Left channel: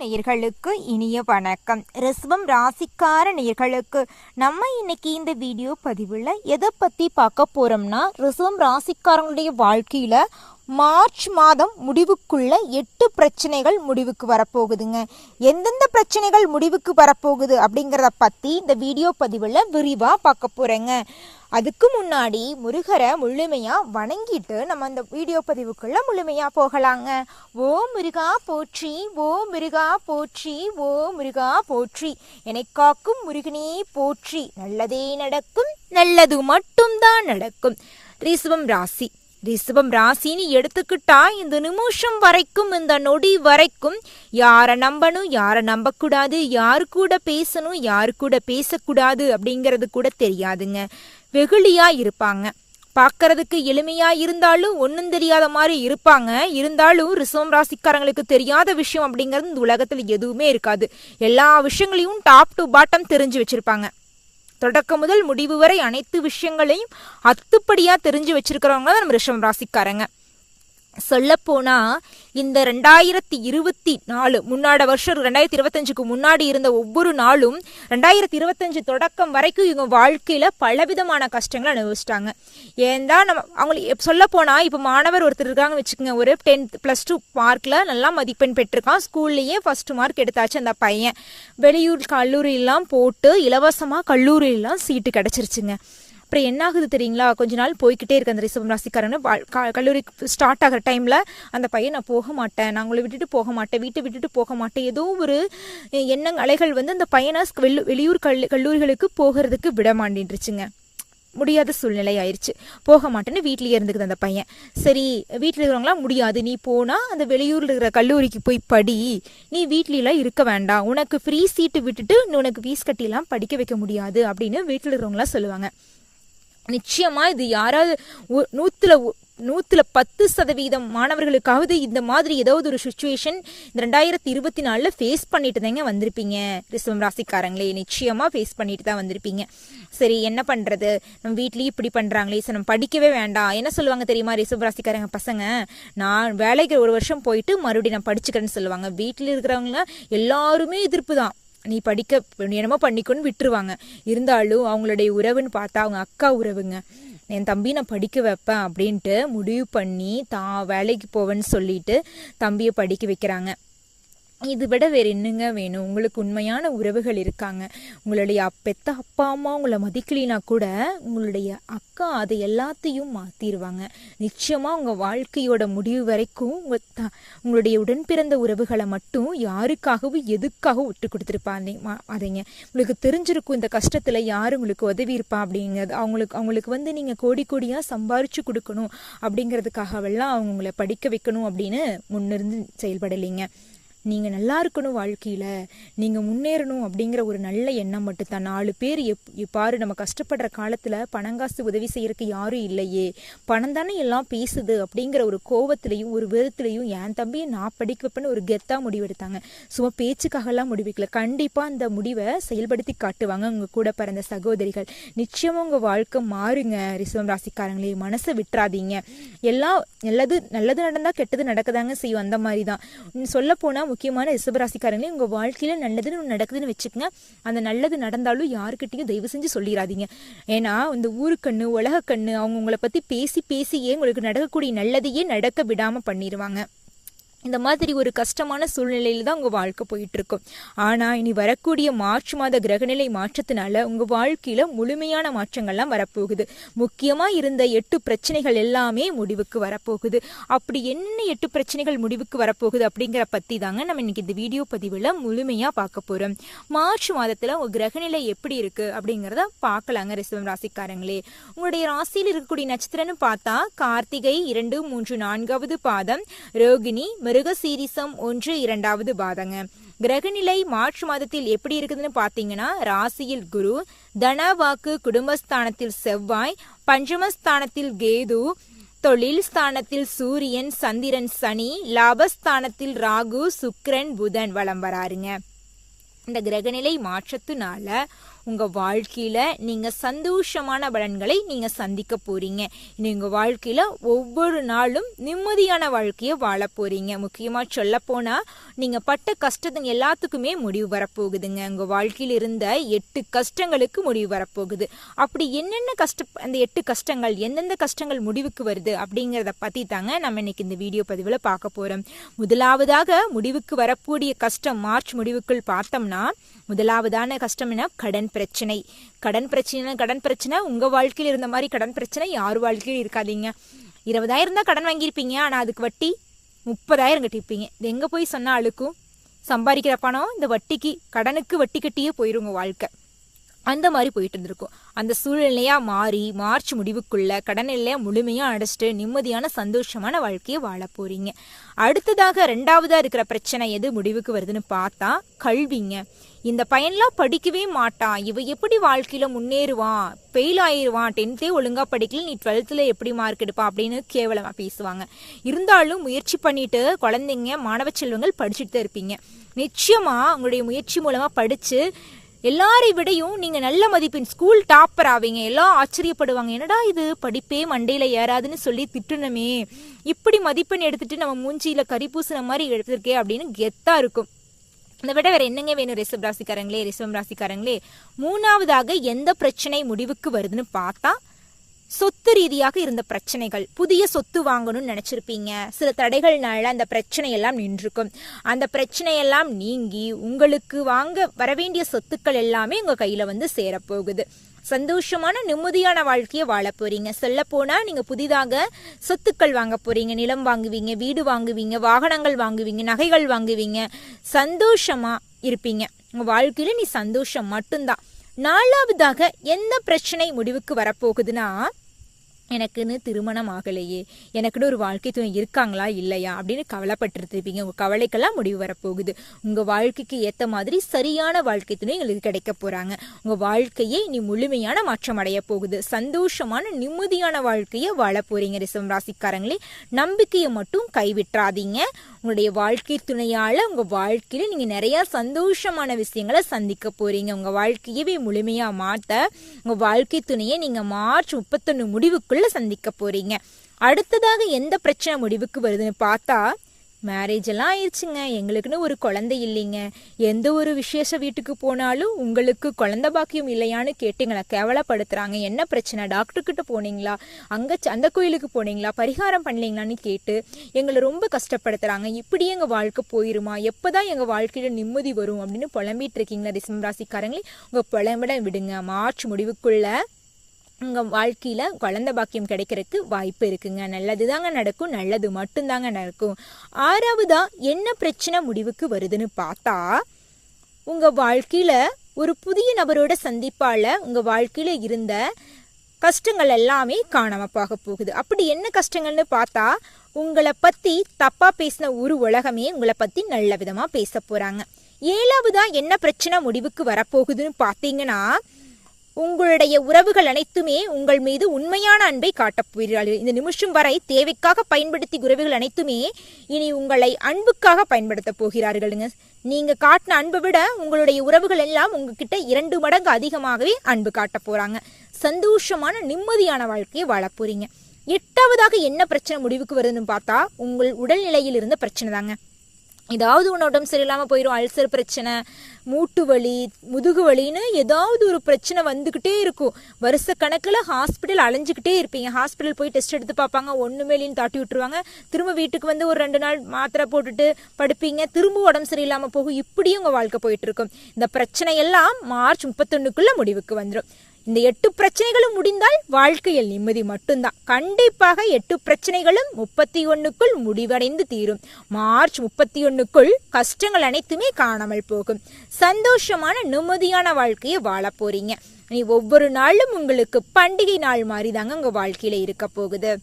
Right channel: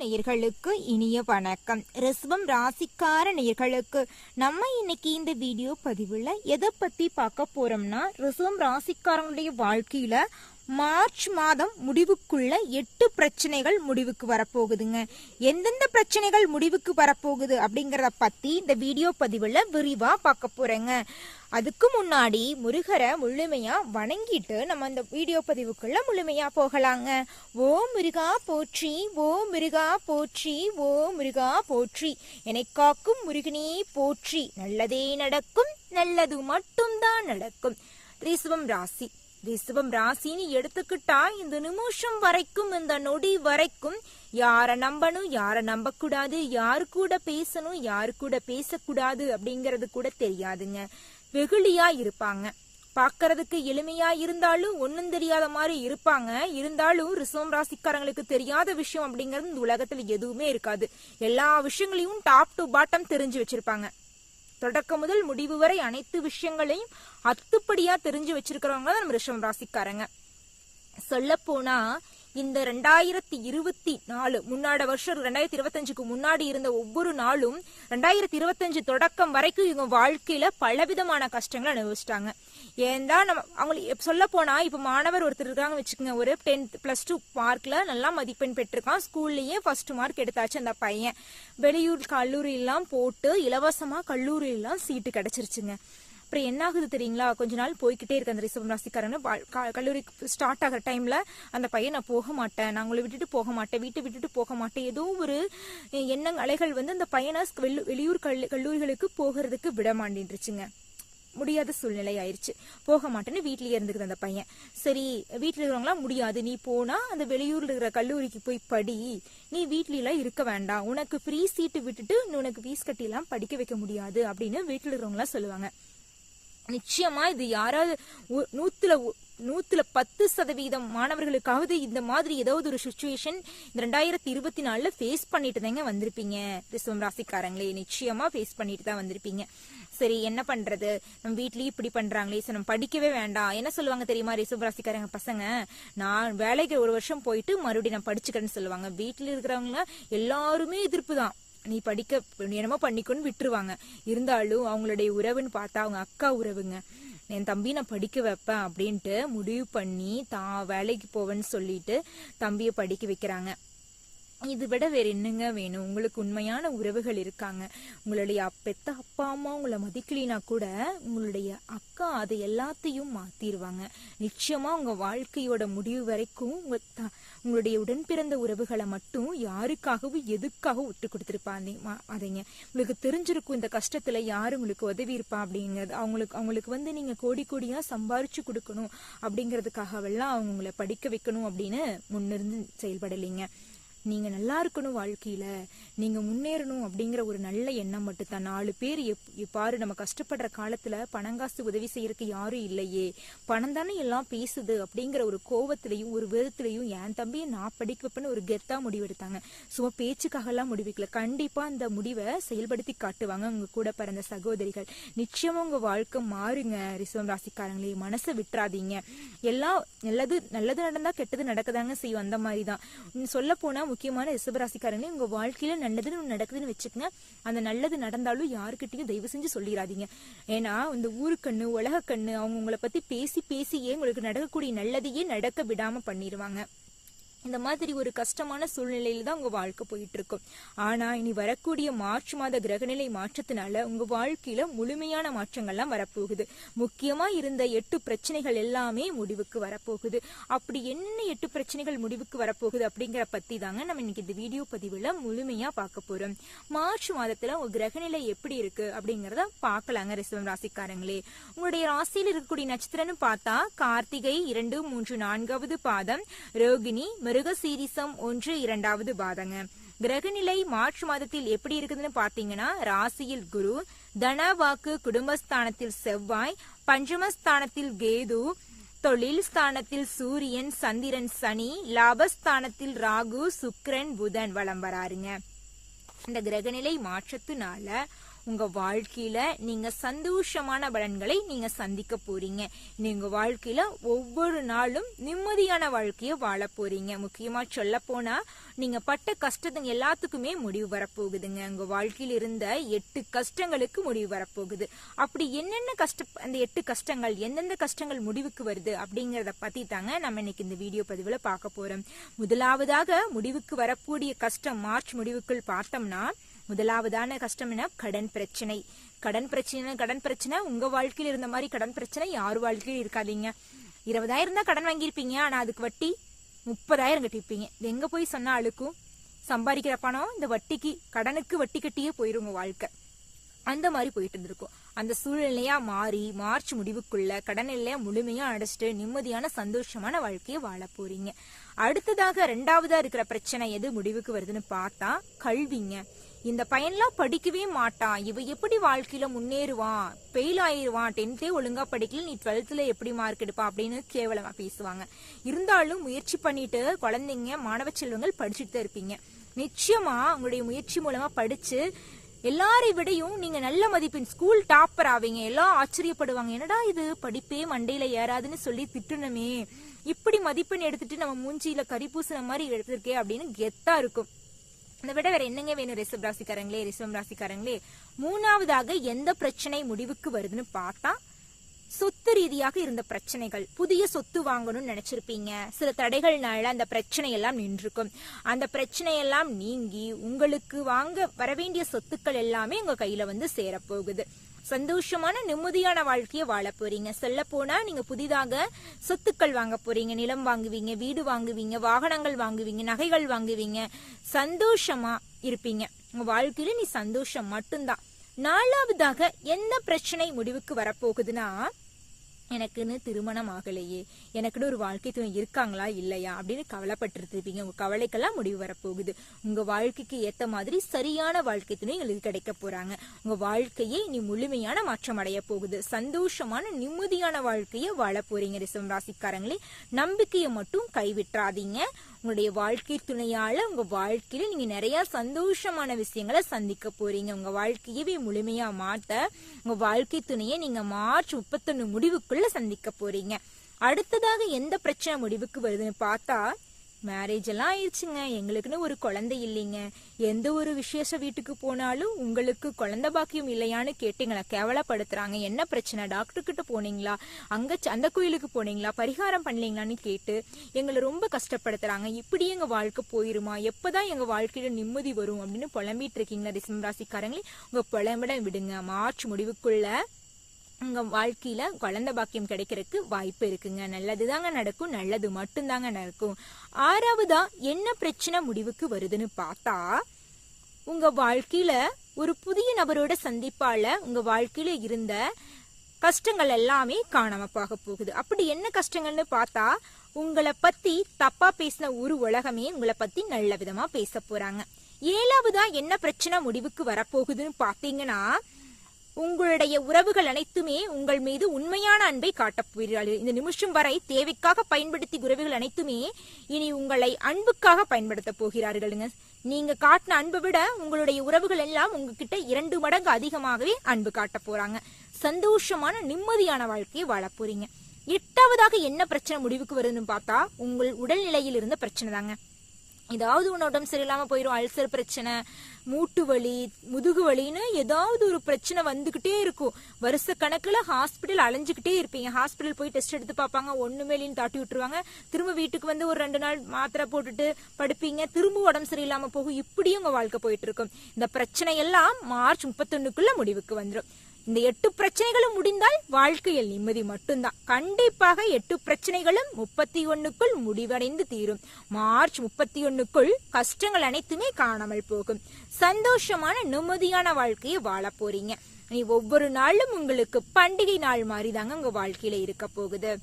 நேயர்களுக்கு இனிய வணக்கம். ரிசவம் ராசிக்கார நேயர்களுக்கு நம்ம இன்னைக்கு இந்த வீடியோ பதிவில் எதை பற்றி பார்க்க போகிறோம்னா ரிசவம் ராசிக்காரங்களுடைய வாழ்க்கையில் மார்ச் மாதம் முடிவுக்குள்ள எட்டு பிரச்சனைகள் முடிவுக்கு வரப்போகுதுங்க. எந்தெந்த பிரச்சனைகள் முடிவுக்கு வரப்போகுது அப்படிங்கிறத பற்றி இந்த வீடியோ பதிவில் விரிவாக பார்க்க போகிறேங்க அதுக்கு முன்னாடி முருகரை முழுமையாக வணங்கிட்டு நம்ம அந்த வீடியோ பதிவுக்குள்ள முழுமையாக போகலாங்க. ஓ முருகா போற்றி ஓ முருகா போற்றி ஓ முருகா போற்றி. என்னை காக்கும் முருகனே போற்றி. நல்லதே நடக்கும் நல்லது மட்டும்தான் நடக்கும். ரிசுவம் ராசி. ரிஷபம் ராசின்னு எடுத்துக்கிட்டா இந்த நிமிஷம் வரைக்கும் இந்த நொடி வரைக்கும் யாரை நம்பணும் யாரை நம்பக்கூடாது யாரு கூட பேசணும் யாரு கூட பேசக்கூடாது அப்படிங்கிறது கூட தெரியாதுங்க. வெகுளியா இருப்பாங்க. பார்க்கறதுக்கு எளிமையா இருந்தாலும் ஒன்றும் தெரியாத மாதிரி இருப்பாங்க. இருந்தாலும் ரிசவம் ராசிக்காரங்களுக்கு தெரியாத விஷயம் அப்படிங்கிறது இந்த உலகத்தில் எதுவுமே இருக்காது. எல்லா விஷயங்களையும் டாப் டு பாட்டம் தெரிஞ்சு வச்சிருப்பாங்க. தொடக்கம் முதல் முடிவு வரை அனைத்து விஷயங்களையும் அத்துப்படியா தெரிஞ்சு வச்சிருக்கிறவங்க தான் நம்ம ரிஷம் ராசிக்காரங்க. சொல்லப்போனா இந்த ரெண்டாயிரத்தி இருபத்தி நாலு முன்னாடி வருஷம் ரெண்டாயிரத்தி இருபத்தஞ்சுக்கு முன்னாடி இருந்த ஒவ்வொரு நாளும் ரெண்டாயிரத்தி இருபத்தஞ்சு தொடக்கம் வரைக்கும் இவங்க வாழ்க்கையில் பலவிதமான கஷ்டங்களை அனுபவிச்சிட்டாங்க. தான் நம்ம அவங்களுக்கு சொல்லப்போனால் இப்போ மாணவர் ஒருத்தர் இருக்காங்கன்னு வச்சுக்கோங்க ஒரு டென்த் ப்ளஸ் டூ மார்க்கில் நல்லா மதிப்பெண் பெற்றிருக்கான். ஸ்கூல்லையே ஃபஸ்ட்டு மார்க் எடுத்தாச்சு அந்த பையன். வெளியூர் கல்லூரியெல்லாம் போட்டு இலவசமாக கல்லூரியெல்லாம் சீட்டு கிடைச்சிருச்சுங்க. அப்புறம் என்ன ஆகுது தெரியுங்களா? கொஞ்ச நாள் போய்கிட்டே இருக்கு அந்த ரிசர்வ் ராசிக்காரன்னு கல்லூரி ஸ்டார்ட் ஆகிற டைமில் அந்த பையன் நான் போக மாட்டேன். நான் உங்களை விட்டுட்டு போக மாட்டேன். வீட்டை விட்டுட்டு போக மாட்டேன். ஏதோ ஒரு எண்ணங் அலைகள் வந்து அந்த பையனை வெளி வெளியூர் கல் கல்லூரிகளுக்கு போகிறதுக்கு விட மாட்டேன்ருச்சுங்க முடியாத சூழ்நிலை ஆயிடுச்சு போக மாட்டேன்னு வீட்லேயே இருந்துக்குது அந்த பையன். சரி வீட்டில் இருக்கிறவங்களாம் முடியாது. நீ போனால் அந்த வெளியூரில் இருக்கிற கல்லூரிக்கு போய் படி. நீ வீட்லலாம் இருக்க வேண்டாம். உனக்கு ஃப்ரீ சீட்டு விட்டுட்டு உனக்கு ஃபீஸ் கட்டிலாம் படிக்க வைக்க முடியாது அப்படின்னு வீட்டில் இருக்கிறவங்களாம் சொல்லுவாங்க. நிச்சயமா இது யாராவது நூத்துல நூத்துல பத்து சதவீதம் மாணவர்களுக்காவது இந்த மாதிரி ஏதாவது ஒரு சுச்சுவேஷன் இந்த ரெண்டாயிரத்தி இருபத்தி நாலுல ஃபேஸ் பண்ணிட்டு தாங்க வந்திருப்பீங்க. ரிசவம் ராசிக்காரங்களே நிச்சயமா ஃபேஸ் பண்ணிட்டு தான் வந்திருப்பீங்க. சரி என்ன பண்றது? நம்ம வீட்லயும் இப்படி பண்றாங்களே சரி நம்ம படிக்கவே வேண்டாம். என்ன சொல்லுவாங்க தெரியுமா ரிசவம் ராசிக்காரங்க பசங்க? நான் வேலைக்கு ஒரு வருஷம் போயிட்டு மறுபடியும் நான் படிச்சுக்கிறேன்னு சொல்லுவாங்க. வீட்டில் இருக்கிறவங்க எல்லாருமே எதிர்ப்பு தான். நீ படிக்க என்னமோ பண்ணிக்கொன்னு விட்டுருவாங்க. இருந்தாலும் அவங்களுடைய உறவுன்னு பார்த்தா அவங்க அக்கா உறவுங்க. என் தம்பி நான் படிக்க வைப்பேன் அப்படின்ட்டு முடிவு பண்ணி தான் வேலைக்கு போவேன்னு சொல்லிட்டு தம்பியை படிக்க வைக்கிறாங்க. இது விட வேறு என்னங்க வேணும்? உங்களுக்கு உண்மையான உறவுகள் இருக்காங்க. உங்களுடைய பெத்த அப்பா அம்மா உங்களை மதிக்கலினா கூட உங்களுடைய அக்கா அதை எல்லாத்தையும் மாற்றிடுவாங்க நிச்சயமாக உங்கள் வாழ்க்கையோட முடிவு வரைக்கும் உங்கள் த உங்களுடைய உடன் பிறந்த உறவுகளை மட்டும் யாருக்காகவும் எதுக்காகவும் விட்டு கொடுத்துருப்பாங்க அதைங்க. உங்களுக்கு தெரிஞ்சிருக்கும் இந்த கஷ்டத்தில் யார் உங்களுக்கு உதவி இருப்பா அப்படிங்கிறது. அவங்களுக்கு அவங்களுக்கு வந்து நீங்கள் கோடி கோடியாக சம்பாரிச்சு கொடுக்கணும் அப்படிங்கிறதுக்காகவெல்லாம் அவங்க உங்களை படிக்க வைக்கணும் அப்படின்னு முன்னிருந்து செயல்படலைங்க. நீங்கள் நல்லா இருக்கணும் வாழ்க்கையில். நீங்கள் முன்னேறணும் அப்படிங்கிற ஒரு நல்ல எண்ணம் மட்டும்தான். நாலு பேர் எப் பாரு நம்ம கஷ்டப்படுற காலத்தில் பணங்காசு உதவி செய்யறதுக்கு யாரும் இல்லையே. பணம் தானே எல்லாம் பேசுது அப்படிங்கிற ஒரு கோவத்திலையும் ஒரு வெறுத்துலையும் என் தம்பியை நான் படிக்க வைப்பேன்னு ஒரு கெத்தாக முடிவெடுத்தாங்க. சும்மா பேச்சுக்காகலாம் முடிவிக்கல. கண்டிப்பாக அந்த முடிவை செயல்படுத்தி காட்டுவாங்க உங்கள் கூட பிறந்த சகோதரிகள். நிச்சயமாக உங்கள் வாழ்க்கை மாறுங்க ரிசவம் ராசிக்காரங்களே. மனசை விட்டுறாதீங்க. எல்லாம் நல்லது நல்லது நடந்தால் கெட்டது நடக்கதாங்க செய்யும். அந்த மாதிரி தான் சொல்ல போனால் முக்கியமான ரிசபராசிக்காரங்களே உங்கள் வாழ்க்கையில் நல்லதுன்னு நடக்குதுன்னு வச்சுக்கோங்க. அந்த நல்லது நடந்தாலும் யாருக்கிட்டையும் தயவு செஞ்சு சொல்லிடாதீங்க ஏன்னா இந்த ஊருக்கண்ணு உலக கண்ணு அவங்க உங்களை பற்றி பேசி பேசியே உங்களுக்கு நடக்கக்கூடிய நல்லதையே நடக்க விடாமல் பண்ணிடுவாங்க இந்த மாதிரி ஒரு கஷ்டமான சூழ்நிலையில் தான் உங்கள் வாழ்க்கை போயிட்டு இருக்கும் இனி வரக்கூடிய மார்ச் மாத கிரகநிலை மாற்றத்தினால உங்கள் வாழ்க்கையில் முழுமையான மாற்றங்கள்லாம் வரப்போகுது. முக்கியமாக இருந்த எட்டு பிரச்சனைகள் எல்லாமே முடிவுக்கு வரப்போகுது. அப்படி என்ன எட்டு பிரச்சனைகள் முடிவுக்கு வரப்போகுது அப்படிங்கிற பற்றி தாங்க நம்ம இன்னைக்கு இந்த வீடியோ பதிவில் முழுமையாக பார்க்க போகிறோம் மார்ச் மாதத்தில் உங்கள் கிரகநிலை எப்படி இருக்குது அப்படிங்கிறத பார்க்கலாங்க ரிசவம் ராசிக்காரங்களே. உங்களுடைய ராசியில் இருக்கக்கூடிய நட்சத்திரம்னு பார்த்தா கார்த்திகை இரண்டு மூன்று நான்காவது பாதம் ரோகிணி மிருகசீரிசம் ஒன்று இரண்டாவது பாதங்க. கிரகநிலை மார்ச் மாதத்தில் எப்படி இருக்குதுன்னு பாத்தீங்கன்னா ராசியில் குரு தனவாக்கு குடும்பஸ்தானத்தில் செவ்வாய் பஞ்சமஸ்தானத்தில் கேது தொழில் ஸ்தானத்தில் சூரியன் சந்திரன் சனி லாபஸ்தானத்தில் ராகு சுக்ரன் புதன் வளம் வராருங்க. இந்த கிரகநிலை மாற்றத்தினால உங்கள் வாழ்க்கையில் நீங்கள் சந்தோஷமான பலன்களை நீங்கள் சந்திக்க போகிறீங்க இனி உங்கள் வாழ்க்கையில் ஒவ்வொரு நாளும் நிம்மதியான வாழ்க்கையை வாழ போகிறீங்க முக்கியமாக சொல்லப்போனால் நீங்கள் பட்ட கஷ்டத்துங்க எல்லாத்துக்குமே முடிவு வரப்போகுதுங்க. உங்கள் வாழ்க்கையில் இருந்த எட்டு கஷ்டங்களுக்கு முடிவு வரப்போகுது. அப்படி என்னென்ன கஷ்ட அந்த எட்டு கஷ்டங்கள் எந்தெந்த கஷ்டங்கள் முடிவுக்கு வருது அப்படிங்கிறத பற்றி தாங்க நம்ம இன்னைக்கு இந்த வீடியோ பதிவில் பார்க்க போகிறோம் முதலாவதாக முடிவுக்கு வரக்கூடிய கஷ்டம் மார்ச் முடிவுக்குள் பார்த்தோம்னா முதலாவதான கஷ்டம் என்ன கடன் பிரச்சனை. கடன் பிரச்சனை கடன் பிரச்சனை உங்க வாழ்க்கையில் இருந்த மாதிரி கடன் பிரச்சனை யார் வாழ்க்கையில் இருக்காதீங்க. இருபதாயிரம் தான் கடன் வாங்கியிருப்பீங்க ஆனால் அதுக்கு வட்டி முப்பதாயிரம் கட்டியிருப்பீங்க. இது எங்கே போய் சொன்னால் அழுக்கும்? சம்பாதிக்கிற பணம் இந்த வட்டிக்கு கடனுக்கு வட்டி கட்டியே போயிடும் உங்கள் வாழ்க்கை. அந்த மாதிரி போயிட்டு இருந்திருக்கும். அந்த சூழ்நிலையாக மாறி மார்ச் முடிவுக்குள்ள கடன் எல்லையா முழுமையாக அடைச்சிட்டு நிம்மதியான சந்தோஷமான வாழ்க்கையை வாழ போறீங்க. அடுத்ததாக ரெண்டாவதாக இருக்கிற பிரச்சனை எது முடிவுக்கு வருதுன்னு பார்த்தா கல்விங்க. இந்த பையன்லாம் படிக்கவே மாட்டான். இவன் எப்படி வாழ்க்கையில முன்னேறுவான் ஃபெயில் ஆயிடுவான் டென்த்தே ஒழுங்காக படிக்கல. நீ டுவெல்த்தில் எப்படி மார்க் எடுப்பான் அப்படின்னு கேவலமாக பேசுவாங்க. இருந்தாலும் முயற்சி பண்ணிட்டு குழந்தைங்க மாணவ செல்வங்கள் படிச்சுட்டு தான் இருப்பீங்க. நிச்சயமாக உங்களுடைய முயற்சி மூலமாக படித்து எல்லாரை விடையும் நீங்கள் நல்ல மதிப்பெண் ஸ்கூல் டாப்பர் ஆவீங்க. எல்லாம் ஆச்சரியப்படுவாங்க. என்னடா இது? படிப்பே மண்டையில் ஏறாதுன்னு சொல்லி திட்டுனமே. இப்படி மதிப்பெண் எடுத்துட்டு நம்ம மூஞ்சியில் கறி பூசின மாதிரி எடுத்திருக்கே அப்படின்னு கெத்தாக இருக்கும். இதை விட வேற என்னங்க வேணும் ரிசர்வ் ராசிக்காரங்களே ரிஷபம் ராசிக்காரங்களே? மூணாவதாக எந்த பிரச்சனை முடிவுக்கு வருதுன்னு பார்த்தா சொத்து ரீதியாக இருந்த பிரச்சனைகள். புதிய சொத்து வாங்கணும்னு நினைச்சிருப்பீங்க. சில தடைகள்னால அந்த பிரச்சனை எல்லாம் நின்றுக்கும். அந்த பிரச்சனையெல்லாம் நீங்கி உங்களுக்கு வாங்க வரவேண்டிய சொத்துக்கள் எல்லாமே உங்க கையில வந்து சேரப்போகுது. சந்தோஷமான நிம்மதியான வாழ்க்கையை வாழ போறீங்க. சொல்ல போனா நீங்க புதிதாக சொத்துக்கள் வாங்க போறீங்க. நிலம் வாங்குவீங்க வீடு வாங்குவீங்க வாகனங்கள் வாங்குவீங்க நகைகள் வாங்குவீங்க. சந்தோஷமா இருப்பீங்க. உங்க வாழ்க்கையில நீ சந்தோஷம் மட்டும்தான். நாலாவதாக எந்த பிரச்சனை முடிவுக்கு வரப்போகுதுன்னா எனக்குன்னு திருமணம் ஆகலையே எனக்குன்னு ஒரு வாழ்க்கை துணை இருக்காங்களா இல்லையா அப்படின்னு கவலைப்பட்டிருப்பீங்க. உங்கள் கவலைக்கெல்லாம் முடிவு வரப்போகுது. உங்கள் வாழ்க்கைக்கு ஏற்ற மாதிரி சரியான வாழ்க்கை துணை உங்களுக்கு கிடைக்க போகிறாங்க உங்கள் வாழ்க்கையே இனி முழுமையான மாற்றம் அடைய போகுது. சந்தோஷமான நிம்மதியான வாழ்க்கையை வாழ போகிறீங்க ரிசம் ராசிக்காரங்களே. நம்பிக்கையை மட்டும் கைவிட்டுறாதீங்க. உங்களுடைய வாழ்க்கை துணையால உங்க வாழ்க்கையில நீங்க நிறைய சந்தோஷமான விஷயங்களை சந்திக்க போறீங்க. உங்க வாழ்க்கையவே முழுமையா மாற்ற உங்க வாழ்க்கை துணையை நீங்க மார்ச் முப்பத்தொன்னு முடிவுக்குள்ள சந்திக்க போறீங்க. அடுத்ததாக எந்த பிரச்சனை முடிவுக்கு வருதுன்னு பார்த்தா மேரேஜ் எல்லாம் ஆயிடுச்சுங்க. எங்களுக்குன்னு ஒரு குழந்தை இல்லைங்க. எந்த ஒரு விசேஷ வீட்டுக்கு போனாலும் உங்களுக்கு குழந்தை பாக்கியம் இல்லையான்னு கேட்டுங்களா? கேவலப்படுத்துறாங்க. என்ன பிரச்சனை? டாக்டர் கிட்ட போனீங்களா? அங்க அந்த கோயிலுக்கு போனீங்களா? பரிகாரம் பண்ணலீங்களான்னு கேட்டு எங்களை ரொம்ப கஷ்டப்படுத்துறாங்க. இப்படியே எங்க வாழ்க்கை போயிருமா? எப்பதான் எங்க வாழ்க்கையில நிம்மதி வரும் அப்படின்னு புலம்பிட்டு இருக்கீங்களா? டிசம்பர் ராசிக்காரங்களே உங்க புலம்பிட விடுங்க. மார்ச் முடிவுக்குள்ள உங்கள் வாழ்க்கையில் குழந்த பாக்கியம் கிடைக்கிறதுக்கு வாய்ப்பு இருக்குங்க. நல்லதுதாங்க நடக்கும் நல்லது மட்டும்தாங்க நடக்கும். ஆறாவதா என்ன பிரச்சனை முடிவுக்கு வருதுன்னு பார்த்தா உங்கள் வாழ்க்கையில் ஒரு புதிய நபரோட சந்திப்பால் உங்கள் வாழ்க்கையில் இருந்த கஷ்டங்கள் எல்லாமே காணாமல் போக போகுது. அப்படி என்ன கஷ்டங்கள்னு பார்த்தா உங்களை பற்றி தப்பாக பேசின ஒரு உலகமே உங்களை பற்றி நல்ல விதமாக பேச போகிறாங்க ஏழாவதா என்ன பிரச்சனை முடிவுக்கு வரப்போகுதுன்னு பார்த்தீங்கன்னா உங்களுடைய உறவுகள் அனைத்துமே உங்கள் மீது உண்மையான அன்பை காட்டப் போகிறார்கள். இந்த நிமிஷம் வரை தேவைக்காக பயன்படுத்தி உறவுகள் அனைத்துமே இனி உங்களை அன்புக்காக பயன்படுத்த போகிறார்களுங்க. நீங்க காட்டின அன்பை விட உங்களுடைய உறவுகள் எல்லாம் உங்ககிட்ட இரண்டு மடங்கு அதிகமாகவே அன்பு காட்ட போறாங்க. சந்தோஷமான நிம்மதியான வாழ்க்கையை வாழ போறீங்க. எட்டாவதாக என்ன பிரச்சனை முடிவுக்கு வருதுன்னு பார்த்தா உங்கள் உடல்நிலையில் இருந்த பிரச்சனை தாங்க ஏதாவது ஒன்று உடம்பு சரியில்லாமல் போயிடும் அல்சர் பிரச்சனை மூட்டு வலி முதுகு வலின்னு ஏதாவது ஒரு பிரச்சனை வந்துக்கிட்டே இருக்கும். வருஷ கணக்கில் ஹாஸ்பிட்டல் அலைஞ்சிக்கிட்டே இருப்பீங்க. ஹாஸ்பிட்டல் போய் டெஸ்ட் எடுத்து பார்ப்பாங்க. ஒன்றுமே இல்லைன்னு தாட்டி விட்டுருவாங்க. திரும்ப வீட்டுக்கு வந்து ஒரு ரெண்டு நாள் மாத்திரை போட்டுட்டு படுப்பீங்க. திரும்ப உடம்பு சரியில்லாமல் போகும். இப்படியும் உங்கள் வாழ்க்கை போயிட்டு இருக்கும். இந்த பிரச்சனை எல்லாம் மார்ச் முப்பத்தொன்னுக்குள்ள முடிவுக்கு வந்துடும் இந்த எட்டு பிரச்சனைகளும் முடிந்தால் வாழ்க்கையில் நிம்மதி மட்டும்தான். கண்டிப்பாக எட்டு பிரச்சனைகளும் முப்பத்தி ஒன்னுக்குள் முடிவடைந்து தீரும். மார்ச் முப்பத்தி ஒன்னுக்குள் கஷ்டங்கள் அனைத்துமே காணாமல் போகும். சந்தோஷமான நிம்மதியான வாழ்க்கையை வாழ போறீங்க. நீ ஒவ்வொரு நாளும் உங்களுக்கு பண்டிகை நாள் மாதிரி தாங்க உங்க வாழ்க்கையில இருக்க போகுது.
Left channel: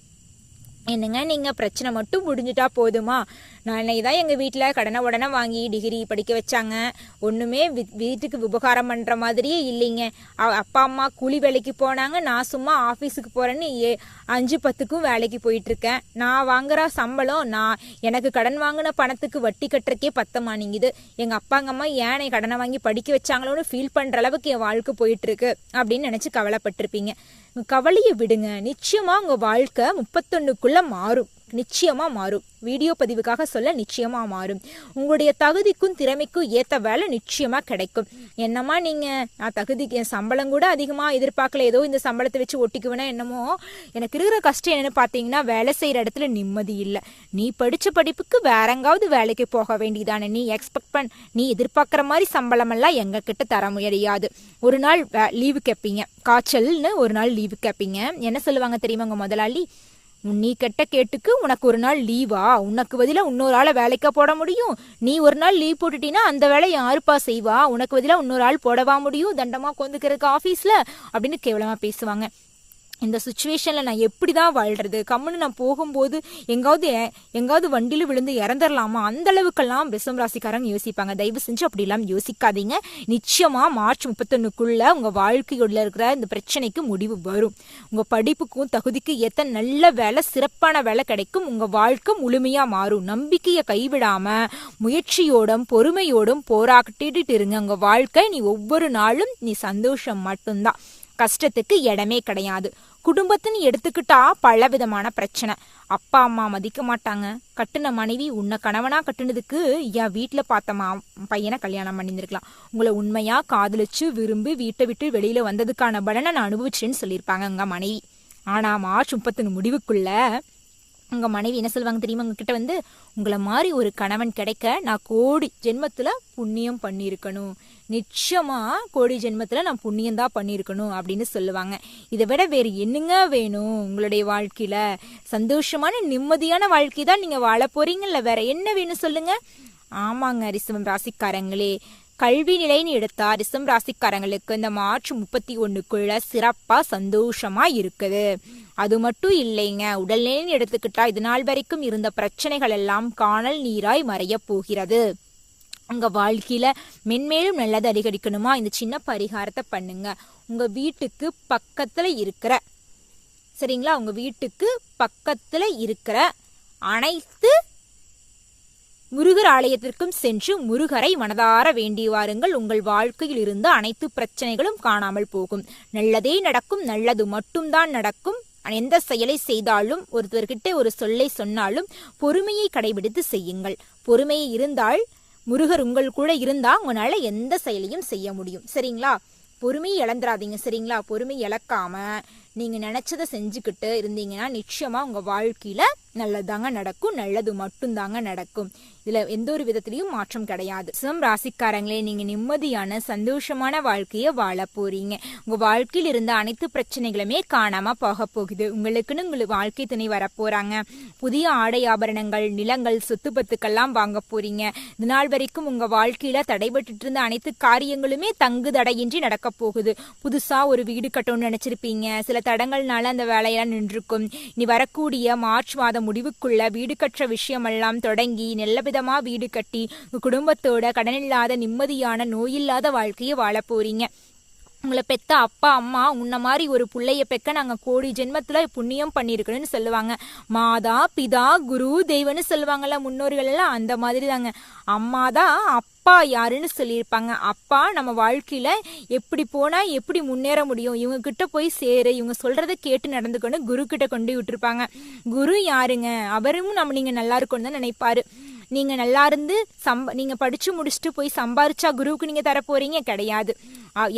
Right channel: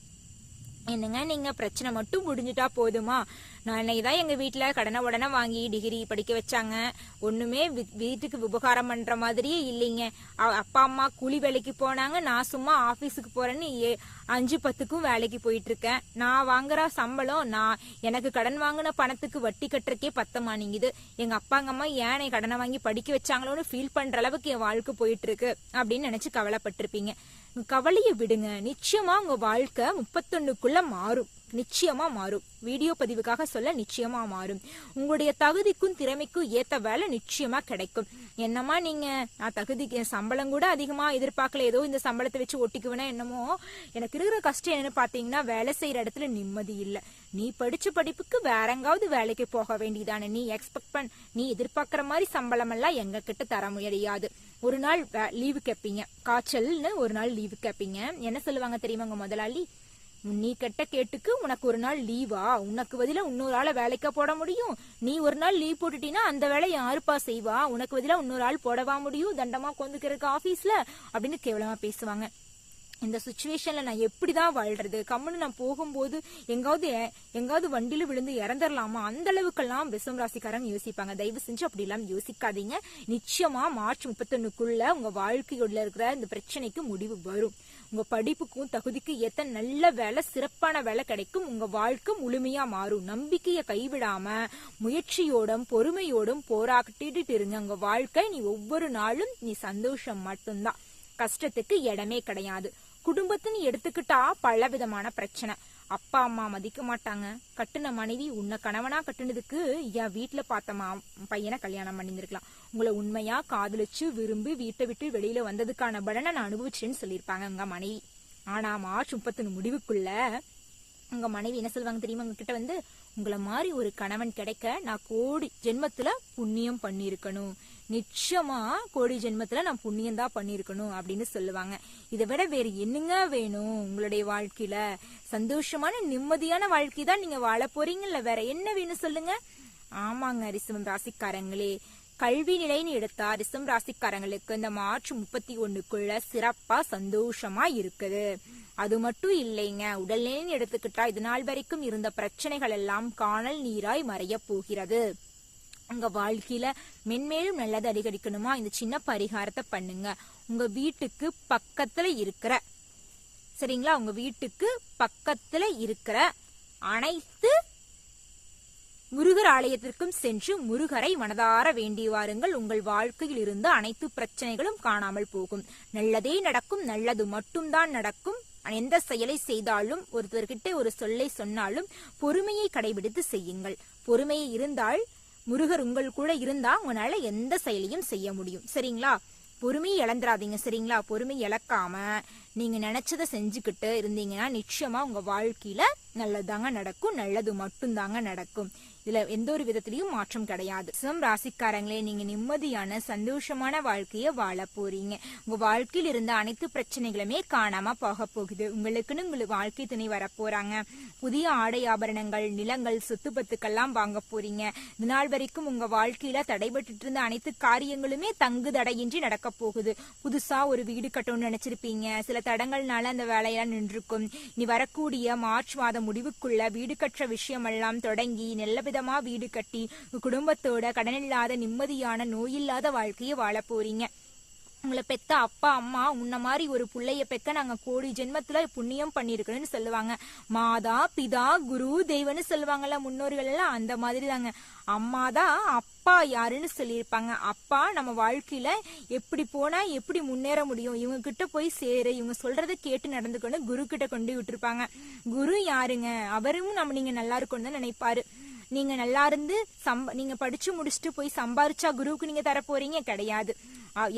என்னங்க நீங்கள் பிரச்சனை மட்டும் முடிஞ்சிட்டா போதுமா? நான் தான் எங்கள் வீட்டில் கடனை உடனே வாங்கி டிகிரி படிக்க வச்சாங்க. ஒன்றுமே வீட்டுக்கு உபகாரம் பண்ணுற மாதிரியே இல்லைங்க. அப்பா அம்மா கூலி வேலைக்கு போனாங்க. நான் சும்மா ஆஃபீஸுக்கு போகிறேன்னு ஏ அஞ்சு பத்துக்கும் வேலைக்கு போயிட்டுருக்கேன். நான் வாங்குற சம்பளம் நான் எனக்கு கடன் வாங்கின பணத்துக்கு வட்டி கட்டுறக்கே பத்தமானிங்குது மாட்டேங்குது எங்கள் அப்பாங்க அம்மா ஏனை கடனை வாங்கி படிக்க வச்சாங்களோன்னு ஃபீல் பண்ணுற அளவுக்கு என் வாழ்க்கை போயிட்டுருக்கு அப்படின்னு நினச்சி கவலைப்பட்டிருப்பீங்க. கவலையை விடுங்க. நிச்சயமா உங்க வாழ்க்கை முப்பத்தொன்னுக்குள்ள மாறும். நிச்சயமாக மாறும். வீடியோ பதிவுக்காக சொல்ல நிச்சயமாக மாறும். உங்களுடைய தகுதிக்கும் திறமைக்கும் ஏற்ற வேலை நிச்சயமாக கிடைக்கும். என்னம்மா நீங்கள் நான் தகுதிக்கு என் சம்பளம் கூட அதிகமாக எதிர்பார்க்கல. ஏதோ இந்த சம்பளத்தை வச்சு ஒட்டிக்குவேனா என்னமோ? எனக்கு இருக்கிற கஷ்டம் என்னென்னு பார்த்தீங்கன்னா வேலை செய்கிற இடத்துல நிம்மதி இல்லை. நீ படிச்ச படிப்புக்கு வேற எங்காவது வேலைக்கு போக வேண்டியதானே. நீ எக்ஸ்பெக்ட் பண் நீ எதிர்பார்க்குற மாதிரி சம்பளமெல்லாம் எங்ககிட்ட கிட்ட தர முடியாது. ஒரு நாள் லீவு கேட்பீங்க காய்ச்சல்னு ஒரு நாள் லீவு கேட்பீங்க என்ன சொல்லுவாங்க தெரியுமா உங்கள் முதலாளி? நீ கெட்ட கேட்டுக்கு உனக்கு ஒரு நாள் லீவா? உனக்கு பதிலா இன்னொரு ஆளை வேலைக்கா போட முடியும்? நீ ஒரு நாள் லீவ் போட்டுட்டீன்னா அந்த வேலையை யாருப்பா செய்வா? உனக்கு பதிலா இன்னொரு ஆள் போடவா முடியும்? தண்டமா கொந்துக்கிறதுக்கு ஆஃபீஸில் அப்படின்னு கேவலமா பேசுவாங்க. இந்த சுச்சுவேஷனில் நான் எப்படி தான் வாழ்கிறது கம்முன்னு நான் போகும்போது எங்காவது எ- எங்காவது வண்டியில் விழுந்து இறந்துடலாமா அந்த அளவுக்கெல்லாம் விசம் ராசிக்காரங்க யோசிப்பாங்க. தயவு செஞ்சு அப்படிலாம் யோசிக்காதீங்க. நிச்சயமாக மார்ச் முப்பத்தொன்னுக்குள்ளே உங்கள் வாழ்க்கையுள்ள இருக்கிற இந்த பிரச்சனைக்கு முடிவு வரும். உங்கள் படிப்புக்கும் தகுதிக்கு எத்தனை நல்ல வேலை சிறப்பான வேலை கிடைக்கும். உங்கள் வாழ்க்கை முழுமையாக மாறும். நம்பிக்கையை கைவிடாமல் முயற்சியோடும் பொறுமையோடும் போராட்டிட்டு இருங்க. உங்கள் வாழ்க்கை நீ ஒவ்வொரு நாளும் நீ சந்தோஷம் மட்டும்தான். கஷ்டத்துக்கு இடமே கிடையாது. குடும்பத்தின்னு எடுத்துக்கிட்டா பல விதமான பிரச்சனை. அப்பா அம்மா மதிக்க மாட்டாங்க. கட்டுன மனைவி உன்னை கணவனா கட்டுனதுக்கு என் வீட்டில் பார்த்த மா பையனை கல்யாணம் பண்ணியிருந்துருக்கலாம். உங்களை உண்மையா காதலிச்சு விரும்பி வீட்டை விட்டு வெளியில வந்ததுக்கான பலனை நான் அனுபவிச்சேன்னு சொல்லியிருப்பாங்க உங்க மனைவி. ஆனா மார்ச் முப்பத்தொன்னு முடிவுக்குள்ள உங்க மனைவி என்ன சொல்லுவாங்க தெரியுமா? உங்ககிட்ட வந்து உங்களை மாதிரி ஒரு கணவன் கிடைக்க நான் கோடி ஜென்மத்துல புண்ணியம் பண்ணியிருக்கணும். நிச்சயமா கோடி ஜென்மத்துல நான் புண்ணியம் தான் பண்ணியிருக்கணும் அப்படின்னு சொல்லுவாங்க. இதை விட வேறு என்னங்க வேணும் உங்களுடைய வாழ்க்கையில? சந்தோஷமான நிம்மதியான வாழ்க்கை தான் நீங்க வாழ போறீங்கல்ல வேற என்ன வேணும் சொல்லுங்க? ஆமாங்க ரிசவம் ராசிக்காரங்களே. கல்வி நிலைன்னு எடுத்தா ரிசம் ராசிக்காரங்களுக்கு இந்த மார்ச் முப்பத்தி ஒண்ணுக்குள்ள சிறப்பா சந்தோஷமா இருக்குது. அது மட்டும் இல்லைங்க உடல்நிலைன்னு எடுத்துக்கிட்டா இது நாள் வரைக்கும் இருந்த பிரச்சனைகள் எல்லாம் காணல் நீராய் மறையப் போகிறது. உங்க வாழ்க்கையில மென்மேலும் நல்லது அதிகரிக்கணுமா? இந்த சின்ன பரிகாரத்தை பண்ணுங்க. உங்க வீட்டுக்கு பக்கத்துல இருக்கிற சரிங்களா? உங்க வீட்டுக்கு பக்கத்துல இருக்கிற அனைத்து முருகர் ஆலயத்திற்கும் சென்று முருகரை மனதார வேண்டி வாருங்கள். உங்கள் வாழ்க்கையில் இருந்து அனைத்து பிரச்சனைகளும் காணாமல் போகும். நல்லதே நடக்கும் நல்லது மட்டும்தான் நடக்கும். எந்த செயலை செய்தாலும் ஒருத்தர்கிட்ட ஒரு சொல்லை சொன்னாலும் பொறுமையை கடைபிடித்து செய்யுங்கள். பொறுமையை இருந்தால் முருகர் உங்கள் கூட இருந்தா உங்களால எந்த செயலையும் செய்ய முடியும். சரிங்களா? பொறுமையை இழந்துராதீங்க சரிங்களா? பொறுமை இழக்காம நீங்கள் நினச்சதை செஞ்சுக்கிட்டு இருந்தீங்கன்னா நிச்சயமாக உங்கள் வாழ்க்கையில் நல்லதாங்க நடக்கும் நல்லது மட்டும்தாங்க நடக்கும். இதில் எந்த ஒரு விதத்திலையும் மாற்றம் கிடையாது. சிவம் ராசிக்காரங்களே நீங்கள் நிம்மதியான சந்தோஷமான வாழ்க்கையை வாழ போறீங்க. உங்கள் வாழ்க்கையில் இருந்த அனைத்து பிரச்சனைகளுமே காணாமல் போக போகுது. உங்களுக்குன்னு உங்களுக்கு வாழ்க்கை துணை வரப்போகிறாங்க புதிய ஆடை ஆபரணங்கள் நிலங்கள் சொத்து பத்துக்கெல்லாம் வாங்க போறீங்க. இதனால் வரைக்கும் உங்கள் வாழ்க்கையில் தடைபட்டு இருந்த அனைத்து காரியங்களுமே தங்கு தடையின்றி நடக்க போகுது. புதுசாக ஒரு வீடு கட்டணும்னு நினச்சிருப்பீங்க. சில தடங்கள்னால அந்த வேலையெல்லாம் நின்றுக்கும். நீ வரக்கூடிய மார்ச் மாத முடிவுக்குள்ள வீடு கட்டுற விஷயமெல்லாம் தொடங்கி நல்லவிதமா வீடு கட்டி குடும்பத்தோட கடனில்லாத நிம்மதியான நோயில்லாத வாழ்க்கையை வாழ போறீங்க. உங்களை பெத்த அப்பா அம்மா உன்ன மாதிரி ஒரு பிள்ளைய பெக்க நாங்கள் கோடி ஜென்மத்தில் புண்ணியம் பண்ணியிருக்கணும்னு சொல்லுவாங்க. மாதா பிதா குரு தெய்வம்னு சொல்லுவாங்கல்ல முன்னோர்கள் எல்லாம் அந்த மாதிரி தாங்க அம்மா தான் அப்பா யாருன்னு சொல்லியிருப்பாங்க. அப்பா நம்ம வாழ்க்கையில் எப்படி போனால் எப்படி முன்னேற முடியும்? இவங்க கிட்ட போய் சேரு இவங்க சொல்கிறத கேட்டு நடந்துக்கணும் குரு கிட்ட கொண்டு விட்டுருப்பாங்க. குரு யாருங்க? அவரும் நம்ம நீங்கள் நல்லா இருக்கணும்னு தான் நினைப்பாரு. நீங்கள் நல்லா இருந்து சம்ப நீங்கள் படித்து முடிச்சுட்டு போய் சம்பாரிச்சா குருவுக்கு நீங்கள் தர போகிறீங்க கிடையாது.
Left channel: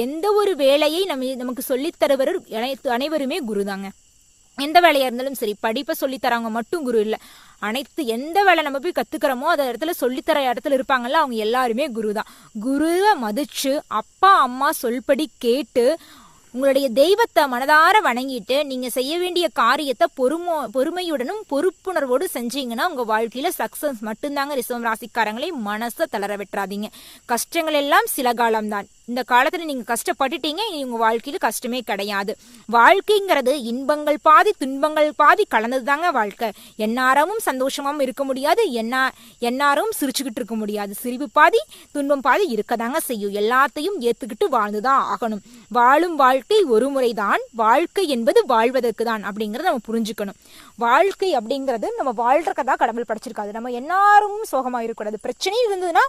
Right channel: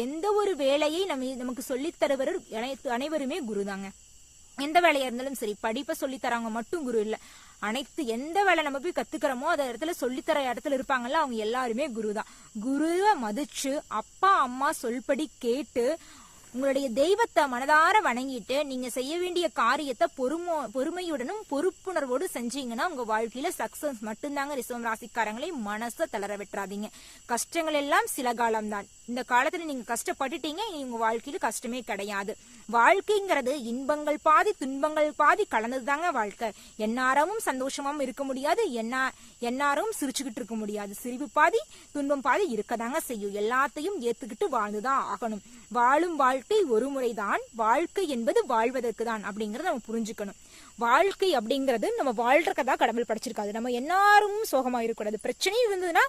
எந்த ஒரு வேலையை நம்ம நமக்கு சொல்லித்தருவர் அனைத்து அனைவருமே குரு தாங்க எந்த வேலையா இருந்தாலும் சரி படிப்பை சொல்லித்தரவங்க மட்டும் குரு இல்லை. அனைத்து எந்த வேலை நம்ம போய் கத்துக்கிறோமோ அந்த இடத்துல சொல்லித்தர இடத்துல இருப்பாங்கல்ல அவங்க எல்லாருமே குரு தான் குருவை மதிச்சு அப்பா அம்மா சொல்படி கேட்டு உங்களுடைய தெய்வத்தை மனதார வணங்கிட்டு நீங்க செய்ய வேண்டிய காரியத்தை பொறுமோ பொறுமையுடனும் பொறுப்புணர்வோடு செஞ்சீங்கன்னா உங்க வாழ்க்கையில சக்சஸ் மட்டும்தாங்க ரிசவம் ராசிக்காரங்களை மனசை தளர விட்டுறாதீங்க. கஷ்டங்கள் எல்லாம் சில காலம்தான். இந்த காலத்துல நீங்க கஷ்டப்பட்டுட்டீங்க இனி உங்க வாழ்க்கையில கஷ்டமே கிடையாது. வாழ்க்கைங்கிறது இன்பங்கள் பாதி துன்பங்கள் பாதி கலந்தது தாங்க வாழ்க்கை. எந்நேரமும் சந்தோஷமாவும் இருக்க முடியாது என்ன எந்நேரமும் சிரிச்சுக்கிட்டு இருக்க முடியாது. சிரிப்பு பாதி துன்பம் பாதி இருக்கதாங்க செய்யும். எல்லாத்தையும் ஏத்துக்கிட்டு வாழ்ந்துதான் ஆகணும். வாழும் வாழ்க்கை ஒரு முறைதான். வாழ்க்கை என்பது வாழ்வதற்கு தான் அப்படிங்கறத நம்ம புரிஞ்சுக்கணும். வாழ்க்கை அப்படிங்கிறது நம்ம வாழ்றதுக்கு கடவுள் படைச்சிருக்காது நம்ம எல்லாரும் சோகமா இருக்கக்கூடாது. பிரச்சனையும் இருந்ததுன்னா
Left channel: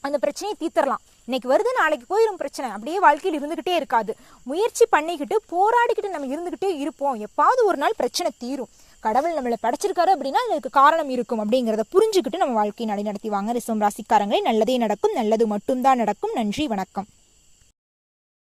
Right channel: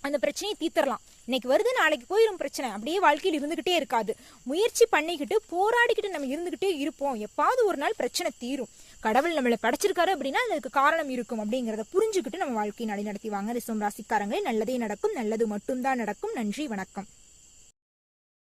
அந்த பிரச்சனையை தீர்த்தரலாம் இன்னைக்கு வருது நாளைக்கு போயிடும் பிரச்சனை. அப்படியே வாழ்க்கையில் இருந்துக்கிட்டே இருக்காது. முயற்சி பண்ணிக்கிட்டு போராடிக்கிட்டு நம்ம இருந்துக்கிட்டே இருப்போம். எப்பாவது ஒரு நாள் பிரச்சனை தீரும். கடவுள் நம்மளை படைச்சிருக்காரு அப்படின்னா அதுக்கு காரணம் இருக்கும் அப்படிங்கிறத புரிஞ்சுக்கிட்டு நம்ம வாழ்க்கையை நடத்தி வாங்க. ரிசம் ராசிக்காரங்களே நல்லதே நடக்கும் நல்லது மட்டும்தான் நடக்கும். நன்றி வணக்கம்.